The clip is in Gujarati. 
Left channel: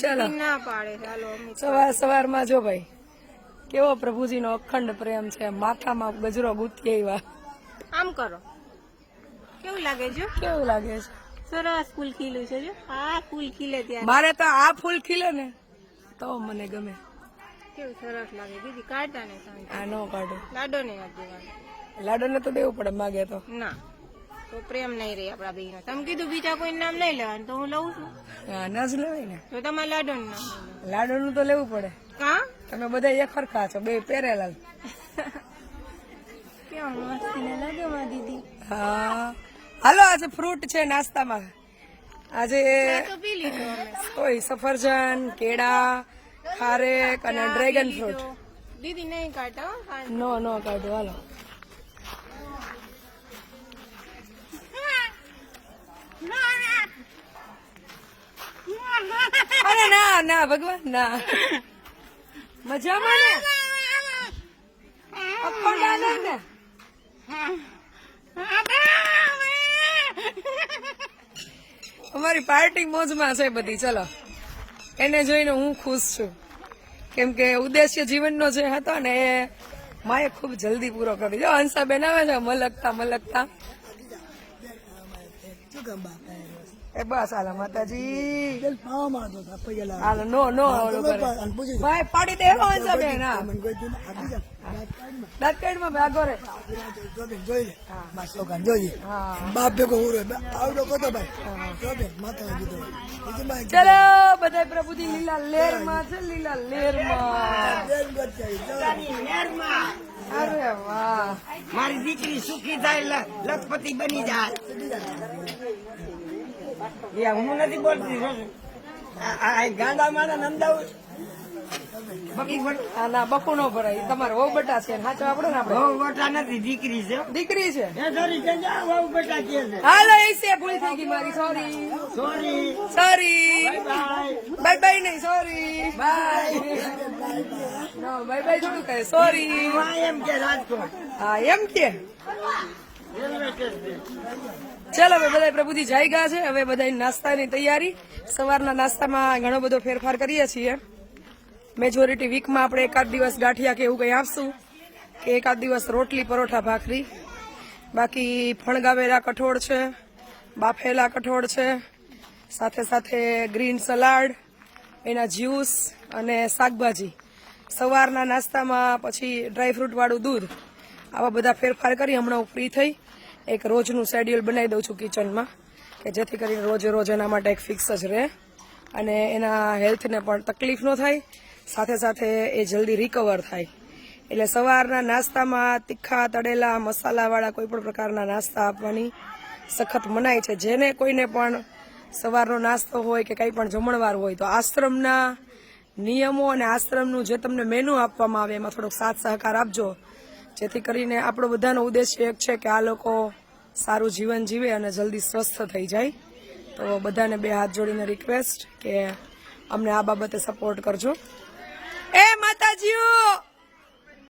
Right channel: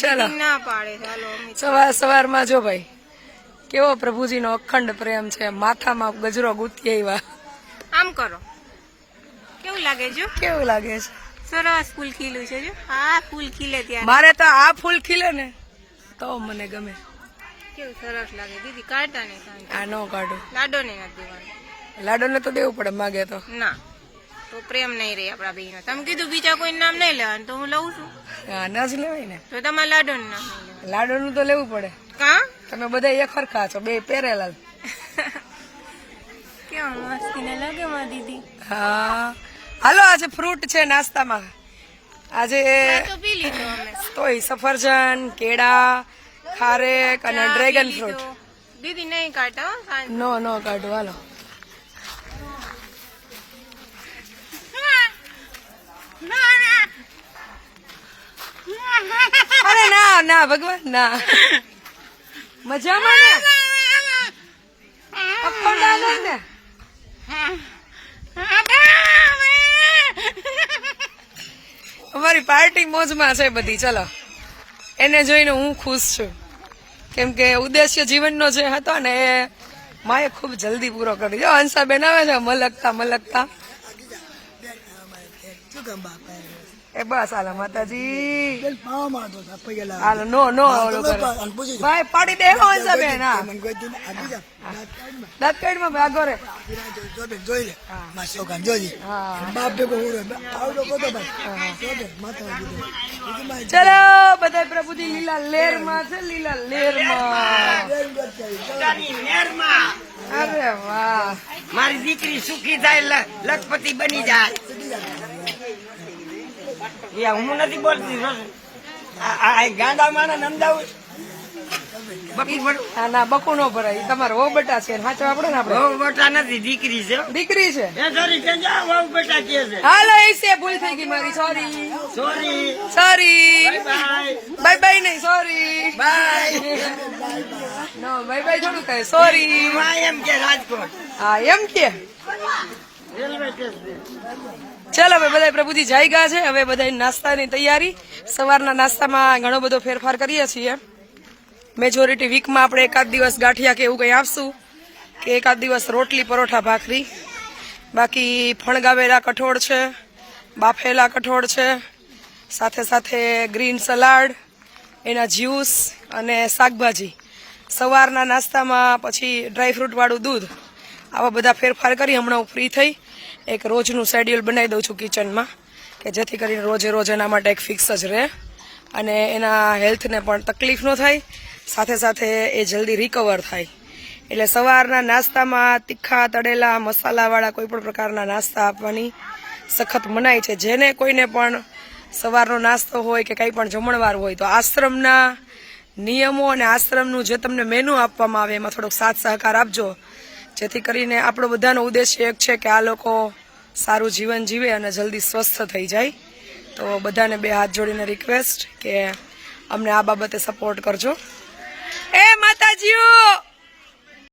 ચલો ના પાડે ચાલો સવાર સવારમાં જો ભાઈ કેવો પ્રભુજીનો અખંડ પ્રેમ છે, માથામાં ગજરો ગુંથી આવ્યા. આમ કરો, કેવું લાગે જો? કેવું લાગે છે? સરસ ફૂલ ખીલું છે જો. આ ફૂલ ખીલે ત્યારે મારે તો આ ફૂલ ખીલે ને તો મને ગમે. કેવું સરસ લાગે દીદી. કાઢતા નહીં સાંજે. આ નો કાઢો. લાડો ને નથી દેવાનું. લાડોને તો દેવું પડે માગે તો. ના તો પ્રેમ નહીં રહે આપણા બેનો. તમે કીધું બીજા કોઈ નામ નહીં લેવાનું, તો હું લઉં છું. હા ના જ લેવાય ને. તો તમારે લાડો નું નામ નહીં લેવાનું. લાડોનું તો લેવું પડે. કા તમે બધા એક હરખા છો, બે પહેરેલા. કેવા મસ્તી ને લાગે માં દીદી. હા હાલો આજે ફ્રૂટ છે નાસ્તામાં. આજે તો પી લીધો અમે. તોય સફરજન, કેળા, ખારેક અને ડ્રેગન ફ્રૂટ. દીદી નહીં કાઢતા હો સાંજે. નો કાઢો હાલો. અરે ના ના ભગવાન ના. મજામાં ને? અક્કલ ના લે ને? અમારી પાર્ટી મોજમાં છે બધી. ચલો એને જોઈને હું ખુશ છું, કેમ કે ઉદ્દેશ્ય જીવનનો જે હતો ને એ માએ ખૂબ જલ્દી પૂરો કરી દીધો. હંસાબેન આવે છે મલકતા. એ બસ હાલો માતાજી. હાલો નો ભાઈ પાડી દે હંસાબેન. દાંત કાઢમાં ભાગો રે. ચલો બધા પ્રભુજી લીલા લેરમાં છે. લીલા લેરમાં. અરે વાહ, મારી દીકરી સુખી થાય, લખપતિ બની જાય. હું નથી બોલતી ગાંડા માણા નંદાવું. ના બકુ નો ભરાય. તમારો વહુ બેટા છે સાચો આપણે ને. બહુ મોટા નથી, દીકરી છે. દીકરી છે. સોરી કે બહુ બેટા કે છે. હાલો એ છે, ભૂલ થઈ ગઈ મારી. સોરી બાય બાય નહીં, sorry bye. No bye bye થોડું કહે, સોરી. એમ કે રાજકોટ. હા એમ કે. ચાલો હવે બધા પ્રભુજી જઈ ગયા છે. હવે બધા નાસ્તાની તૈયારી. સવારના નાસ્તામાં ઘણો બધો ફેરફાર કરીએ છીએ. મેજોરિટી વીકમાં આપણે એકાદ દિવસ ગાંઠિયા કે એવું કંઈ આપશું, કે એકાદ દિવસ રોટલી પરોઠા ભાખરી. બાકી ફણગાવેલા કઠોળ છે, બાફેલા કઠોળ છે, સાથે સાથે ગ્રીન સલાડ, એના જ્યુસ અને શાકભાજી. સવારના નાસ્તામાં પછી ડ્રાયફ્રૂટવાળું દૂધ. આવા બધા ફેરફાર કરી હમણાં હું ફ્રી થઈ એક રોજનું શેડ્યુલ બનાવી દઉં છું કિચનમાં, કે જેથી કરીને રોજ એના માટે એક ફિક્સ જ રહે અને એના હેલ્થને પણ તકલીફ ન થાય, સાથે સાથે એ જલ્દી રિકવર થાય. એટલે સવારના નાસ્તામાં તીખા તળેલા મસાલાવાળા કોઈ પણ પ્રકારના નાસ્તા આપવાની સખત મનાઈ છે. જેને કોઈને પણ સવારનો નાસ્તો હોય કે કંઈ પણ જમણવાર હોય તો આશ્રમના નિયમો અને આશ્રમનું જે તમને મેનુ આપવામાં આવે એમાં થોડોક સાથ સહકાર આપજો, જેથી કરીને આપણો બધાનો ઉદ્દેશ્ય એક છે કે આ લોકો સારું જીવન જીવે અને જલ્દી સ્વસ્થ થઈ જાય. તો બધાને બે હાથ જોડીને રિક્વેસ્ટ કે અમને આ બાબતે સપોર્ટ કરજો. એ માતાજીઓ